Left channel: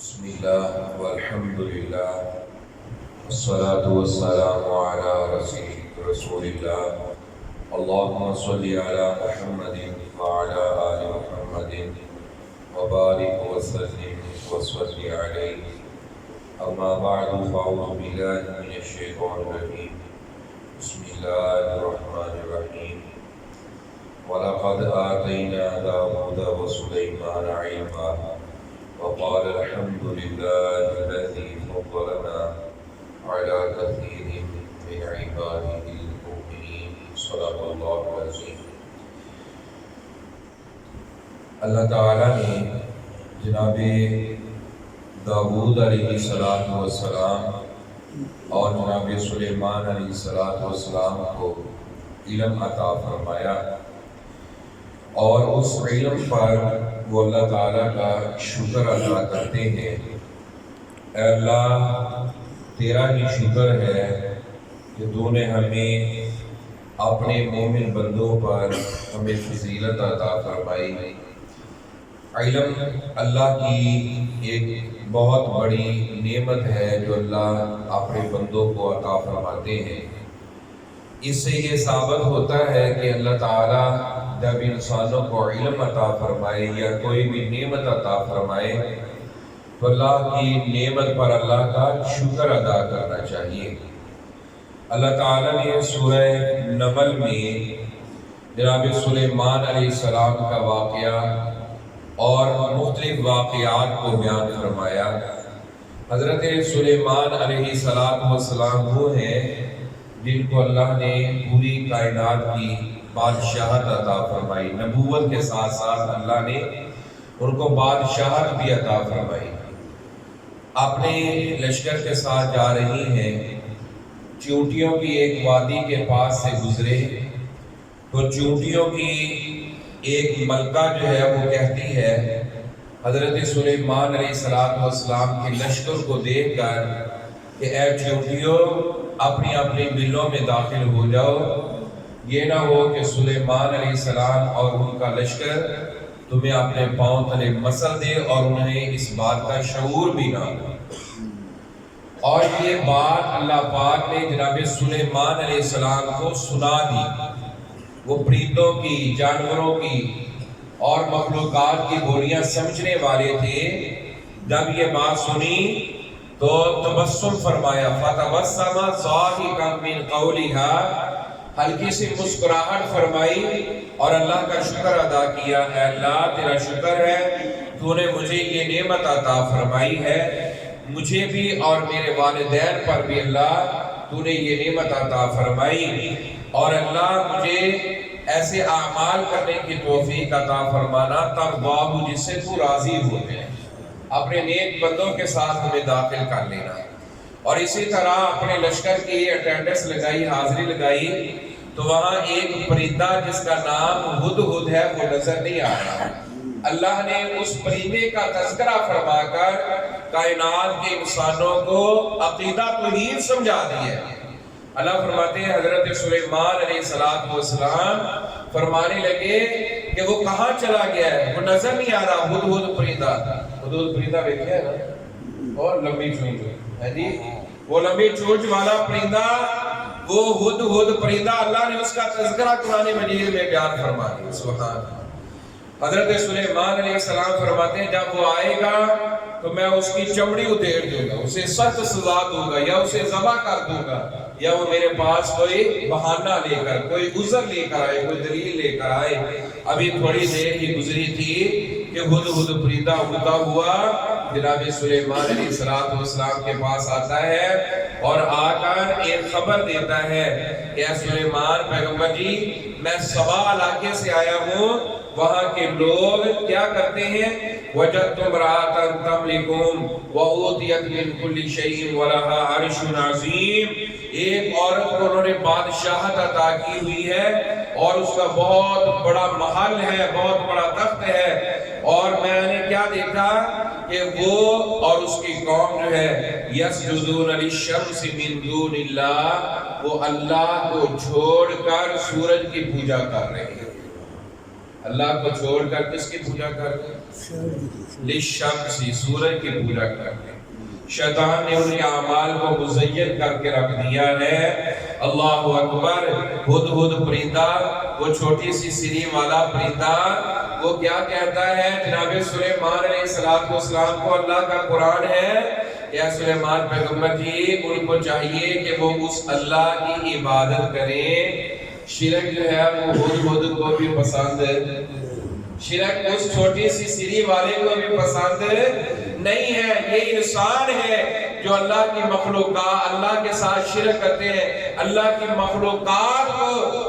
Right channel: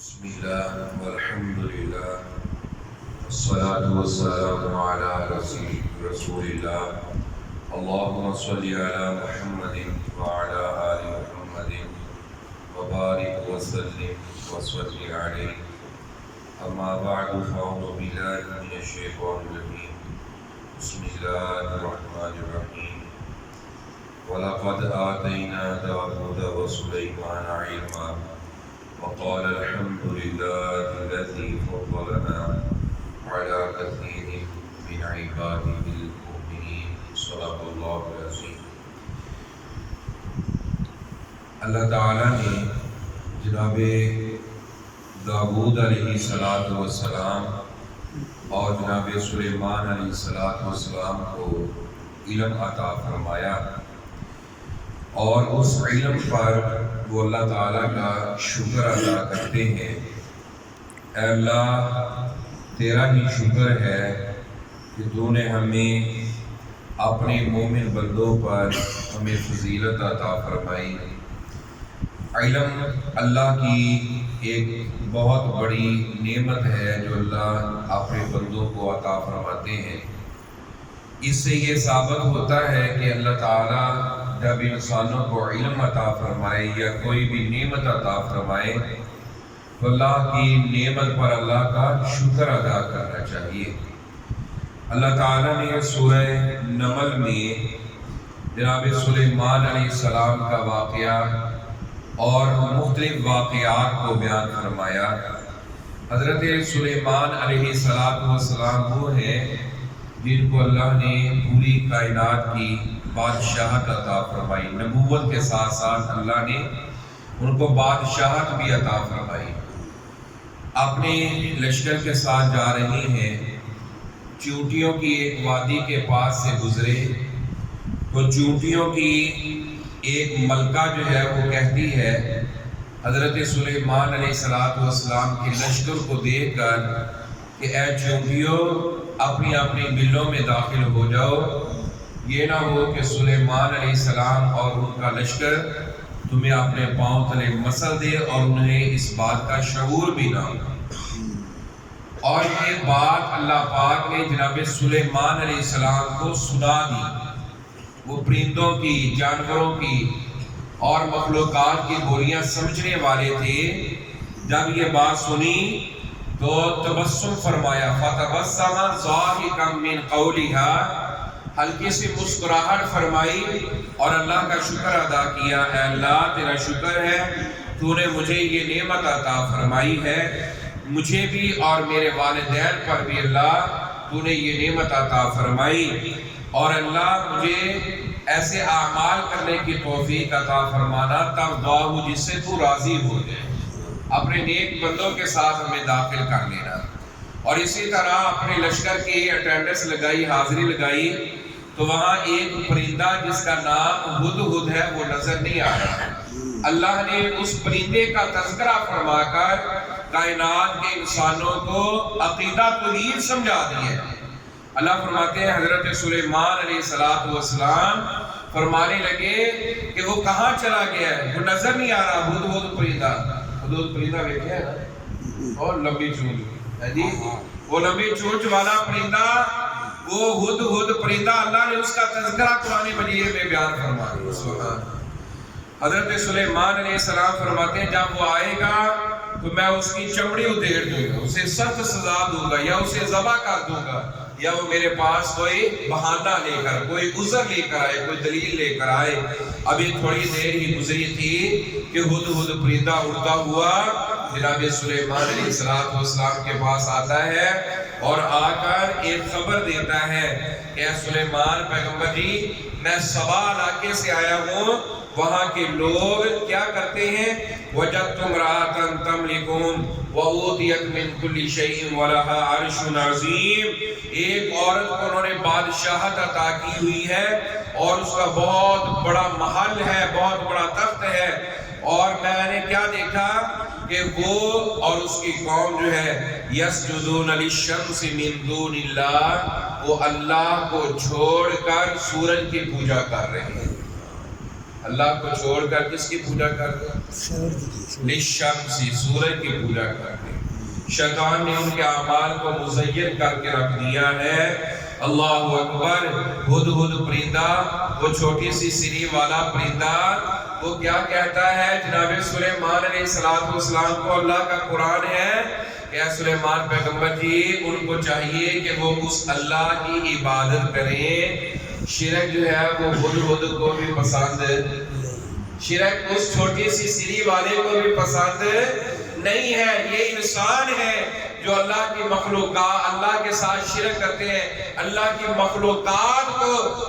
بسم الله والحمد لله والصلاة والسلام على رسول الله. اللهم صل على محمد وعلى آل محمد وبارك وسلم وصل عليه. أما بعد فأعوذ بالله من الشيطان الرجيم. بسم الله الرحمن الرحيم. ولقد آتينا داود وسليمان علما وقال الحمد لله الذي فضلنا على كثير من عباده المؤمنين. صدق الله العظيم. اللہ تعالیٰ نے جناب داود علیہ السلام اور جناب سلیمان علیہ السلام کو علم عطا فرمایا، اور اس علم پر وہ اللہ تعالیٰ کا شکر ادا کرتے ہیں. اے اللہ، تیرا ہی شکر ہے کہ تو نے ہمیں اپنے مومن بندوں پر ہمیں فضیلت عطا فرمائی. علم اللہ کی ایک بہت بڑی نعمت ہے جو اللہ اپنے بندوں کو عطا فرماتے ہیں. اس سے یہ ثابت ہوتا ہے کہ اللہ تعالیٰ جب انسانوں کو علم عطا فرمائے یا کوئی بھی نعمت عطا فرمائے تو اللہ کی نعمت پر اللہ کا شکر ادا کرنا چاہیے. اللہ تعالیٰ نے سورہ نمل میں جناب سلیمان علیہ السلام کا واقعہ اور مختلف واقعات کو بیان فرمایا. حضرت سلیمان علیہ السلام وہ ہیں جن کو اللہ نے پوری کائنات کی بادشاہت عطا فرمائی. نبوت کے ساتھ ساتھ اللہ نے ان کو بادشاہت بھی عطا فرمائی. اپنے لشکر کے ساتھ جا رہی ہیں، چونٹیوں کی ایک وادی کے پاس سے گزرے تو چونٹیوں کی ایک ملکہ جو ہے وہ کہتی ہے حضرت سلیمان علیہ السلام کے لشکر کو دیکھ کر کہ اے چونٹیوں، اپنی اپنی بلوں میں داخل ہو جاؤ، یہ نہ ہو کہ سلیمان علیہ السلام اور ان کا لشکر تمہیں اپنے پاؤں تلے مسل دے اور انہیں اس بات کا شعور بھی نہ ہو. اور یہ بات اللہ پاک نے جناب سلیمان علیہ السلام کو سنا دی. وہ پرندوں کی، جانوروں کی اور مخلوقات کی بولیاں سمجھنے والے تھے. جب یہ بات سنی تو تبسم فرمایا، فَتَبَسَّمَ ضَاحِكًا مِّن قَوْلِهَا، ہلکی سی مسکراہٹ فرمائی اور اللہ کا شکر ادا کیا. اے اللہ، تیرا شکر ہے تو نے مجھے یہ نعمت عطا فرمائی ہے، مجھے بھی اور میرے والدین پر بھی اللہ تو نے یہ نعمت عطا فرمائی. اور اللہ، مجھے ایسے اعمال کرنے کی توفیق عطا فرمانا ترضاہ، جس سے تو راضی ہو جائے. اپنے نیک بندوں کے ساتھ ہمیں داخل کر لینا. اور اسی طرح اپنے لشکر کی اٹینڈنس لگائی، حاضری لگائی تو وہاں ایک پرندہ جس کا نام ہدہد ہے وہ نظر نہیں آ رہا. اللہ نے اس پرندے کا تذکرہ فرما کر کائنات کے انسانوں کو عقیدہ توحید سمجھا دی ہے. اللہ فرماتے ہیں حضرت سلیمان علیہ السلام فرمانے لگے کہ وہ کہاں چلا گیا ہے، وہ نظر نہیں آ رہا. ہدہد پرندہ، ہدہد پرندہ دیکھا ہے نا، اور لمبی چونچ ہے جی، وہ لمبی چونچ والا پرندہ، وہ ہدہد پرندہ، اللہ نے اس کا تذکرہ قرآن مجید میں بیان فرما دیا. سبحان. حضرت سلیمان علیہ السلام فرماتے ہیں جب وہ آئے گا تو میں اس کی چمڑی ادھیڑ دوں گا، اسے سخت سزا دوں گا، یا اسے ذبح کر دوں گا، یا وہ میرے پاس کوئی بہانہ لے کر، کوئی عذر لے کر آئے، کوئی دلیل لے کر آئے. ابھی تھوڑی دیر ہی گزری تھی کہ ہدہد پرندہ اڑتا ہوا جناب سلیمان علیہ السلام کے پاس آتا ہے اور آ کر ایک خبر دیتا ہے کہ اے سلیمان پیغمبر جی، میں سبا علاقے سے آیا ہوں، وہاں کے لوگ کیا کرتے ہیں، وَجَدْتُ امْرَأَةً تَمْلِكُهُمْ وَأُوتِيَتْ مِنْ كُلِّ شَيْءٍ وَلَهَا عَرْشٌ عَظِيمٌ. ایک عورت کو انہوں نے بادشاہت عطا کی ہوئی ہے اور اس کا بہت بڑا محل ہے، بہت بڑا تخت ہے. اور میں نے کیا دیکھا کہ وہ اور اس کی قوم جو ہے یسجدون للشمس من دون اللہ، وہ اللہ کو چھوڑ کر سورج کی پوجا کر رہے ہیں. اللہ کو چھوڑ کر کس کی پوجا کرتے ہیں؟ للشمس، سورج کی پوجا کرتے ہیں۔ شیطان نے ان کے اعمال کو مزین کر کے رکھ دیا ہے۔ اللہ اکبر۔ ہدہد پرندہ، وہ چھوٹی سی سری والا پرندہ، وہ کیا کہتا ہے جناب سلیمان علیہ السلام کو؟ اللہ کا قرآن ہے کہ اے سلیمان پیغمبر جی، ان کو چاہیے کہ وہ اس اللہ کی عبادت کریں۔ شرک جو ہے وہ ہدہد کو بھی پسند، شرک اس چھوٹی سی سری والے کو بھی پسند نہیں ہے۔ یہ انسان ہے جو اللہ کی مخلوقات، اللہ کے ساتھ شرک کرتے ہیں، اللہ کی مخلوقات کو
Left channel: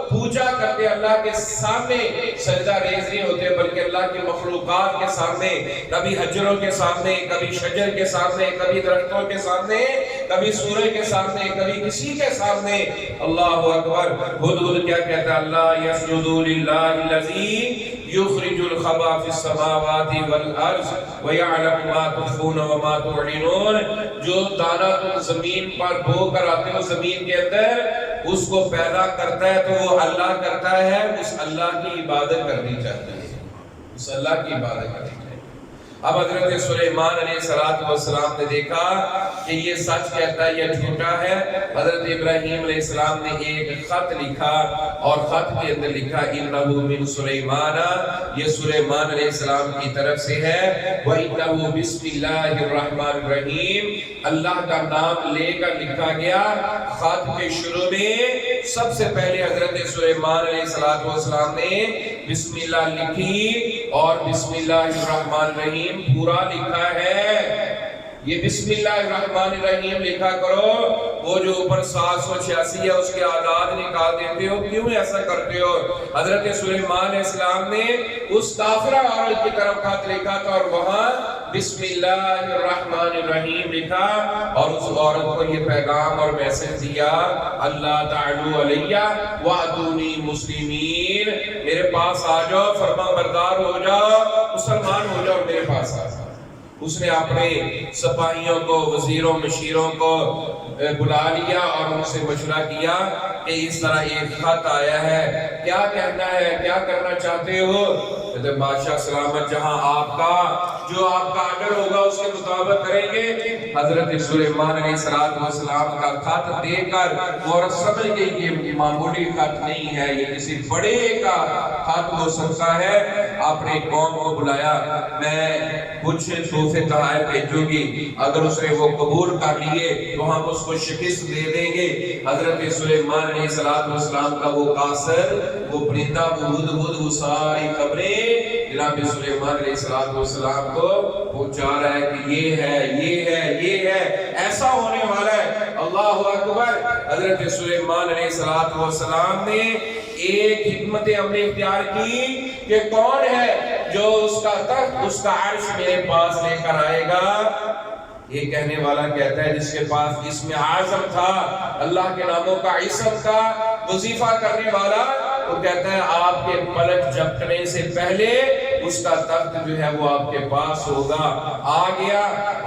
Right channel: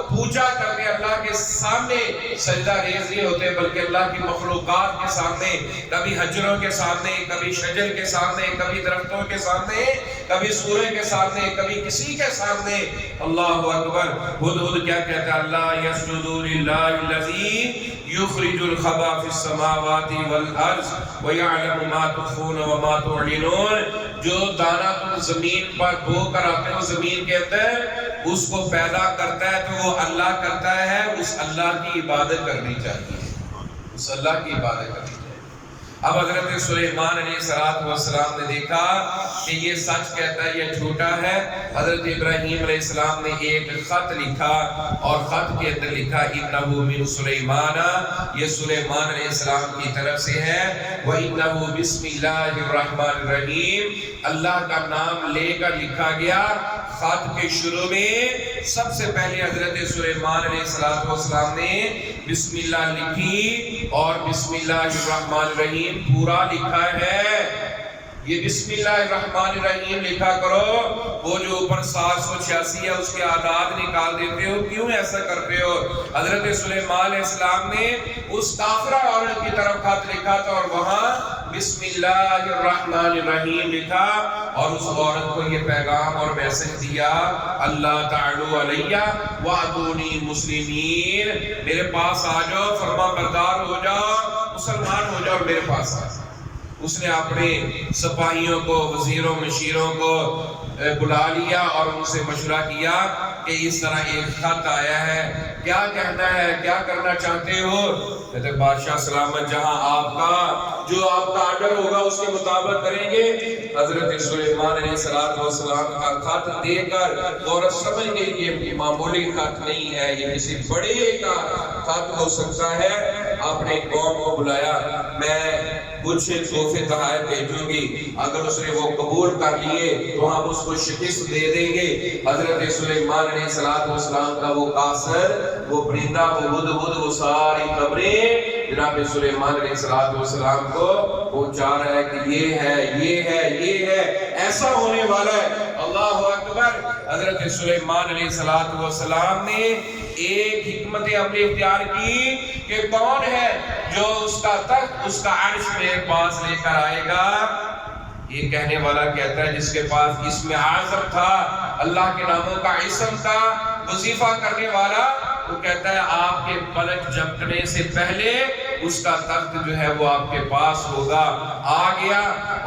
پوجا کرتے ہیں، اللہ کے سامنے سجدہ ریز نہیں ہوتے، بلکہ اللہ کی مخلوقات کے سامنے، کبھی حجروں کے سامنے، کبھی شجر کے سامنے، کبھی درختوں کے سامنے، کبھی سورج کے سامنے، کبھی کسی کے سامنے۔ اللہ اکبر۔ ہدہد کیا کہتا ہے؟ اللہ یسجدوا للہ الذی یخرج الخبا فی السماوات والارض ویعلم ما تخفون وما تعلنون۔ جو دانہ تم زمین پر بو کر آتے ہو زمین کے اندر، اس کو پیدا کرتا ہے تو وہ اللہ کرتا ہے۔ اس اللہ کی عبادت کرنی چاہیے، اس اللہ کی عبادت کرنی چاہیے۔ اب حضرت سلیمان علیہ السلام نے دیکھا کہ یہ سچ کہتا ہے، یہ جھوٹا ہے۔ حضرت ابراہیم علیہ السلام نے ایک خط لکھا اور خط کے اندر لکھا انہو من سلیمان، یہ سلیمان علیہ السلام کی طرف سے ہے۔ وَإِنَّهُ بِسْمِ اللَّهِ الرَّحْمَنِ الرَّحِيمِ، اللہ کا نام لے کر لکھا گیا۔ خط کے شروع میں سب سے پہلے حضرت سلیمان علیہ السلام نے بسم اللہ لکھی اور بسم اللہ الرحمن الرحیم پورا لکھا ہے۔ یہ بسم اللہ الرحمن الرحیم لکھا کرو۔ وہ جو اوپر 786 ہے اس کے اعداد نکال دیتے ہو، کیوں ایسا کرتے ہو؟ حضرت سلیمان علیہ السلام نے اس کافرہ عورت کی طرف خط لکھا تھا اور وہاں بسم اللہ الرحمن الرحیم لکھا، اور اس عورت کو یہ پیغام اور میسج دیا، اللہ تعالی علیہ وعدونی مسلمین، میرے پاس آ جاؤ، فرما بردار ہو جاؤ، مسلمان ہو جاؤ اور میرے پاس آ جاؤ۔ اس نے اپنے سپاہیوں کو، وزیروں مشیروں کو بلا لیا اور ان سے مشورہ کیا کہ اس طرح ایک خط آیا ہے، کیا کہنا ہے، کیا کرنا چاہتے ہو؟ کہتے بادشاہ سلامت جہاں آپ کا، جو آپ کا آرڈر ہوگا اس کے مطابق کریں گے۔ حضرت سلیمان علیہ السلام کا خط دے کر عورت سمجھ گئی کہ یہ معمولی خط نہیں ہے، یہ کسی بڑے کا خط ہو سکتا ہے۔ آپ نے قوم کو بلایا، میں کچھ تحفے تحائف بھیجوں گی، اگر اس نے وہ قبول کر لیے تو ہم اس کو شکست دے دیں گے۔ حضرت سلیمان علیہ السلام کا وہ قاصر، وہ پرندہ، وہ ہدہد، وہ ساری خبریں جناب سلیمان علیہ السلام کو پہنچا رہا ہے کہ یہ ہے، یہ ہے، یہ ہے، ایسا ہونے والا ہے۔ اللہ اکبر۔ حضرت سلیمان علیہ السلام نے ایک حکمت عملی اختیار کی کہ کون ہے جو اس کا تخت، اس کا عرش میرے پاس لے کر آئے گا؟ یہ کہنے والا کہتا ہے جس کے پاس اسم اعظم تھا، اللہ کے ناموں کا اسم تھا، وظیفہ کرنے والا، وہ کہتا ہے آپ کے پلک جھپکنے سے پہلے اس کا تخت جو ہے وہ آپ کے پاس ہوگا۔ آ گیا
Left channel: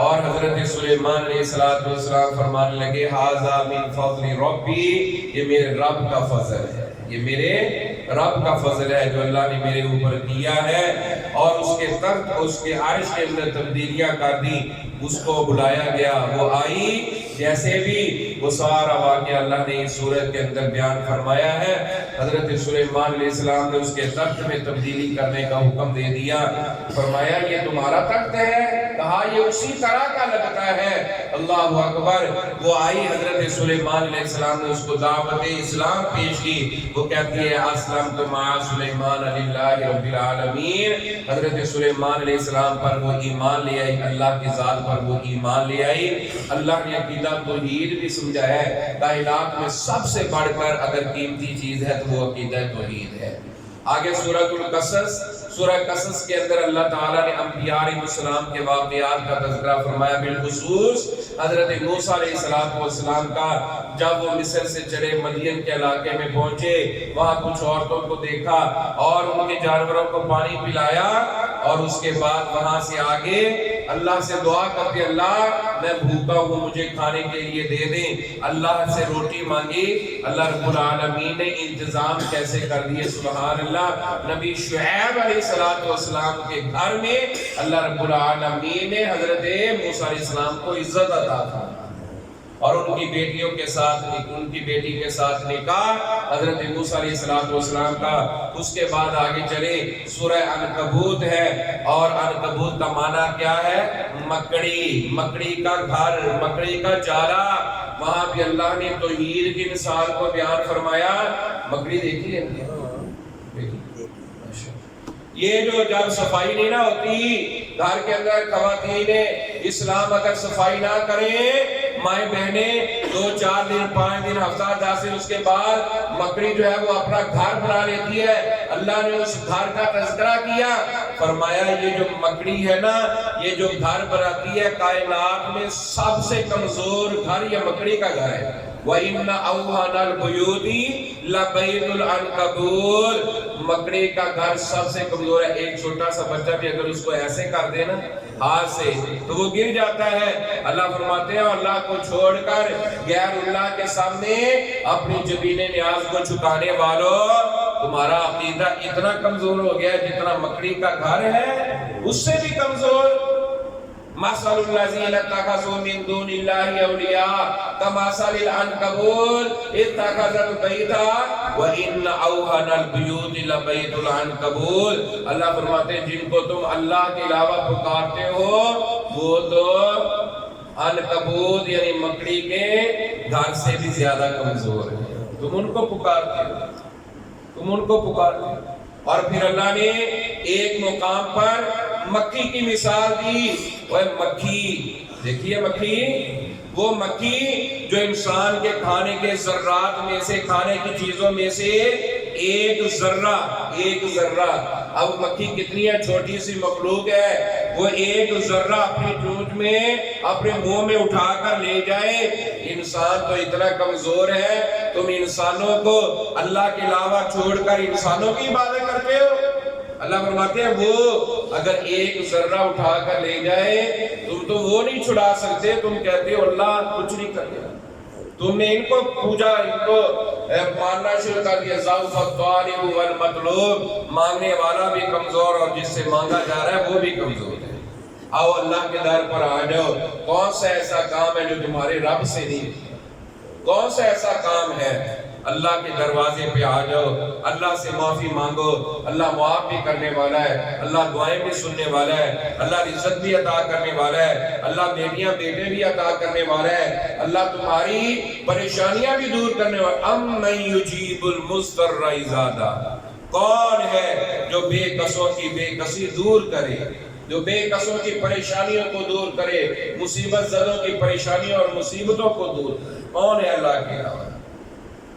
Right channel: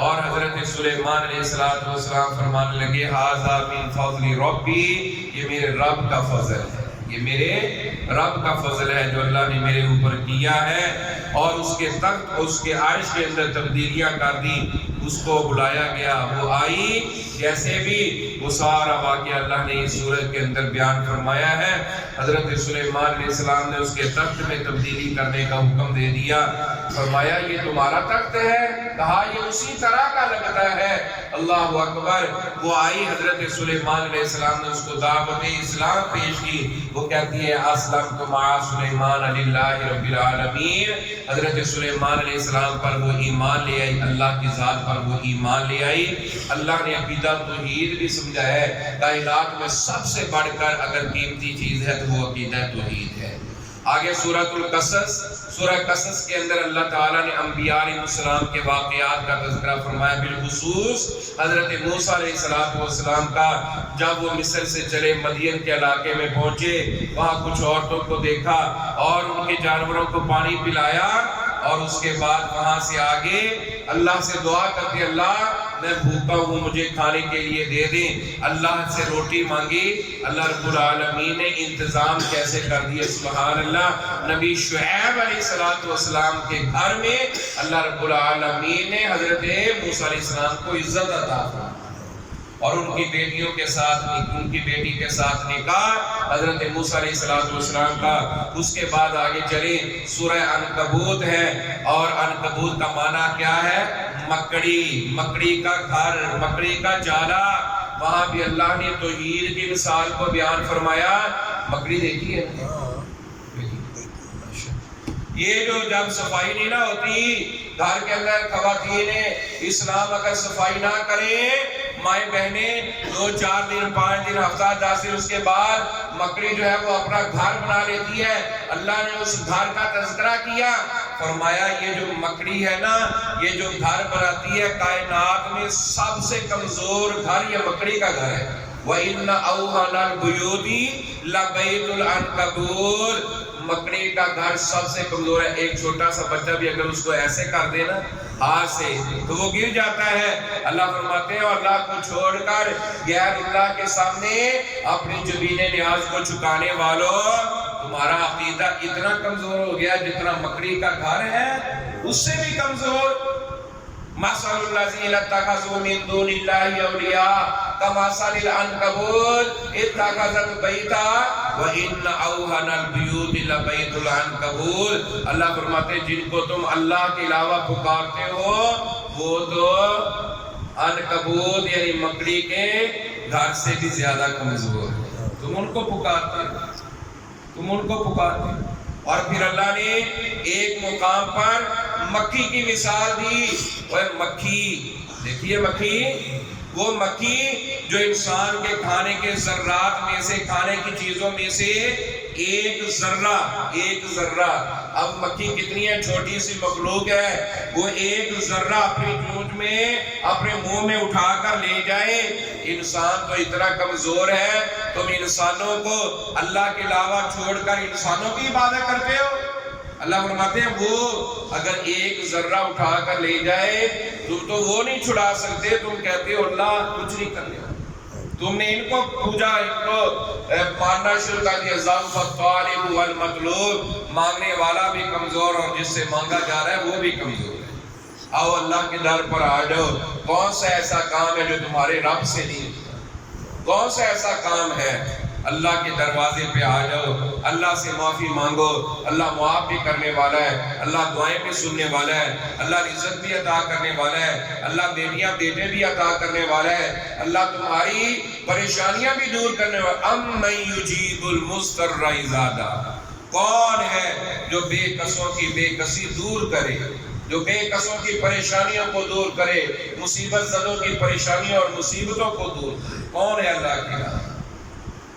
اور حضرت سلیمان علیہ السلام فرمانے لگے ھذا من فضل ربی، یہ میرے رب کا فضل ہے، یہ میرے رب کا فضل ہے جو اللہ نے میرے اوپر کیا ہے۔ اور اس کے تخت، اس کے عرش کے اندر تبدیلیاں کر دی، اس کو بلایا گیا، وہ آئی۔ جیسے بھی وہ سارا واقعہ اللہ نے اس سورت کے اندر بیان فرمایا ہے۔ حضرت سلیمان علیہ السلام نے اس کے تخت میں تبدیلی کرنے کا حکم دے دیا، فرمایا یہ تمہارا تخت ہے؟ کہا یہ اسی طرح کا لگتا ہے۔ اللہ اکبر۔ وہ آئی، حضرت سلیمان علیہ السلام نے اس کو دعوت اسلام پیش کی، وہ کہتی ہے اسلمت مع سلیمان للہ رب العالمین۔ حضرت سلیمان علیہ السلام پر وہ ایمان لے آئی، اللہ کی ذات پر وہ ایمان لے آئی۔ اللہ نے عقیدہ توحید بھی سمجھا ہے، کائنات میں سب سے بڑھ کر اگر قیمتی چیز ہے تو وہ عقیدہ توحید ہے۔ آگے سورۃ القصص، سورہ قصص کے اندر اللہ تعالیٰ نے انبیاء علیہ السلام کے واقعات کا تذکرہ فرمایا، بالخصوص حضرت موسیٰ علیہ السلام کا۔ جب وہ مصر سے چلے، مدین کے علاقے میں پہنچے، وہاں کچھ عورتوں کو دیکھا اور ان کے جانوروں کو پانی پلایا، اور اس کے بعد وہاں سے آگے اللہ سے دعا کرتے اللہ میں بھوکا ہوں مجھے کھانے کے لیے دے دیں، اللہ سے روٹی مانگی، اللہ رب العالمین نے انتظام کیسے کر دیے، سبحان اللہ۔ نبی شعیب علیہ السلام کے گھر میں اللہ رب العالمین نے حضرت موسیٰ علیہ السلام کو عزت عطا فرمائی، اور ان کی بیٹیوں کے ساتھ، ان کی بیٹی کے ساتھ نکاح حضرت موسیٰ علیہ السلام کا۔ اس کے بعد آگے چلے، سورہ عنکبوت ہے، اور عنکبوت کا معنی کیا ہے؟ مکڑی، مکڑی کا گھر، مکڑی کا چارہ۔ وہاں بھی اللہ نے توحید کی مثال کو بیان فرمایا۔ مکڑی دیکھی ہے؟ یہ جو جب صفائی نہیں نہ ہوتی گھر کے اندر، خواتین اسلام اگر صفائی نہ کریں، مائیں بہنیں 2 4 دن 5 دن ہفتہ 10 دن، اس کے بعد مکڑی جو ہے وہ اپنا گھر بنا لیتی ہے۔ اللہ نے اس گھر کا تذکرہ کیا، فرمایا یہ جو مکڑی ہے نا، یہ جو گھر بناتی ہے کائنات میں سب سے کمزور گھر یہ مکڑی کا گھر ہے۔ وَإِنَّ أَوْهَنَ الْبُيُوتِ لَبَيْتُ الْعَنْكَبُوتِ، مکڑی کا گھر سب سے کمزور ہے۔ ایک چھوٹا سا بچہ بھی اگر اس کو ایسے کر دے نا ہاتھ سے تو وہ گر جاتا ہے۔ اللہ فرماتے ہیں اور اللہ کو چھوڑ کر غیر اللہ کے سامنے اپنی جبین نیاز کو چکانے والوں، تمہارا عقیدہ اتنا کمزور ہو گیا جتنا مکڑی کا گھر ہے اس سے بھی کمزور۔ مَثَلُ الَّذِينَ اتَّخَذُوا مِن دُونِ اللَّهِ أَوْلِيَاءَ كَمَثَلِ الْعَنكَبُوتِ اتَّخَذَتْ بَيْتًا وَإِنَّ أَوْهَنَ الْبُيُوتِ لَبَيْتُ الْعَنكَبُوتِ۔ اللہ فرماتے ہیں جن کو تم اللہ کے علاوہ پکارتے ہو وہ تو عنکبوت یعنی مکڑی کے گھر سے بھی زیادہ کمزور ہے۔ تم ان کو پکارتے ہو، تم ان کو پکارتے ہو۔ اور پھر اللہ نے ایک مقام پر مکھی کی مثال دی۔ وہ مکھی دیکھیے، مکھی وہ مکھی جو انسان کے کھانے کے ذرات میں سے، کھانے کی چیزوں میں سے ایک ذرہ، اب مکھی کتنی ہے، چھوٹی سی مخلوق ہے، وہ ایک ذرہ اپنی چونچ میں اپنے منہ میں اٹھا کر لے جائے۔ انسان تو اتنا کمزور ہے، تم انسانوں کو اللہ کے علاوہ چھوڑ کر انسانوں کی عبادت کرتے ہو۔ اللہ فرماتے ہیں وہ اگر ایک ذرہ اٹھا کر لے جائے تم تو وہ نہیں چھڑا سکتے، تم کہتے ہو اللہ کچھ نہیں کر لیا۔ تم نے ان کو پوجا، ان کو ماننا شروع کر دیا۔ ضعف الطالب والمطلوب، مانگنے والا بھی کمزور اور جس سے مانگا جا رہا ہے وہ بھی کمزور ہے۔ آؤ اللہ کے در پر آ جاؤ۔ کون سا ایسا کام ہے جو تمہارے رب سے نہیں؟ کون سا ایسا کام ہے؟ اللہ کے دروازے پہ آ جاؤ، اللہ سے معافی مانگو، اللہ معاف بھی کرنے والا ہے، اللہ دعائیں بھی سننے والا ہے، اللہ عزت بھی عطا کرنے والا ہے، اللہ بیٹیاں بیٹے بھی عطا کرنے والا ہے، اللہ تمہاری پریشانیاں بھی دور کرنے والا ہے۔ اَمَّن يُجِيبُ الْمُضْطَرَّ إِذَا دَعَاهُ، کون ہے جو بے کسوں کی بے کسی دور کرے، جو بے کسوں کی پریشانیوں کو دور کرے، مصیبت زدوں کی پریشانیوں اور مصیبتوں کو دور کرے؟ کون ہے اللہ کے علاوہ؟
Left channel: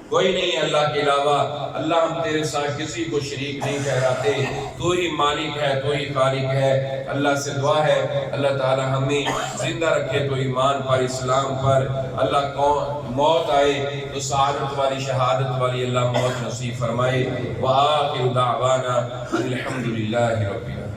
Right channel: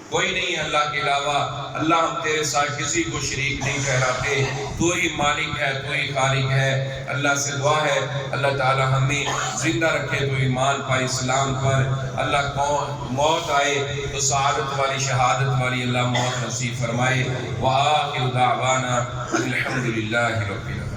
کوئی نہیں ہے اللہ کے علاوہ۔ اللہ ہم تیرے ساتھ کسی کو شریک نہیں ٹھہراتے، تو ہی مالک ہے، تو ہی خالق ہے۔ اللہ سے دعا ہے اللہ تعالی ہمیں زندہ رکھے تو ایمان پر، اسلام پر۔ اللہ کون موت آئے تو سعادت والی، شہادت والی اللہ موت نصیب فرمائے۔ وآخر دعوانا الحمدللہ رب العالمین۔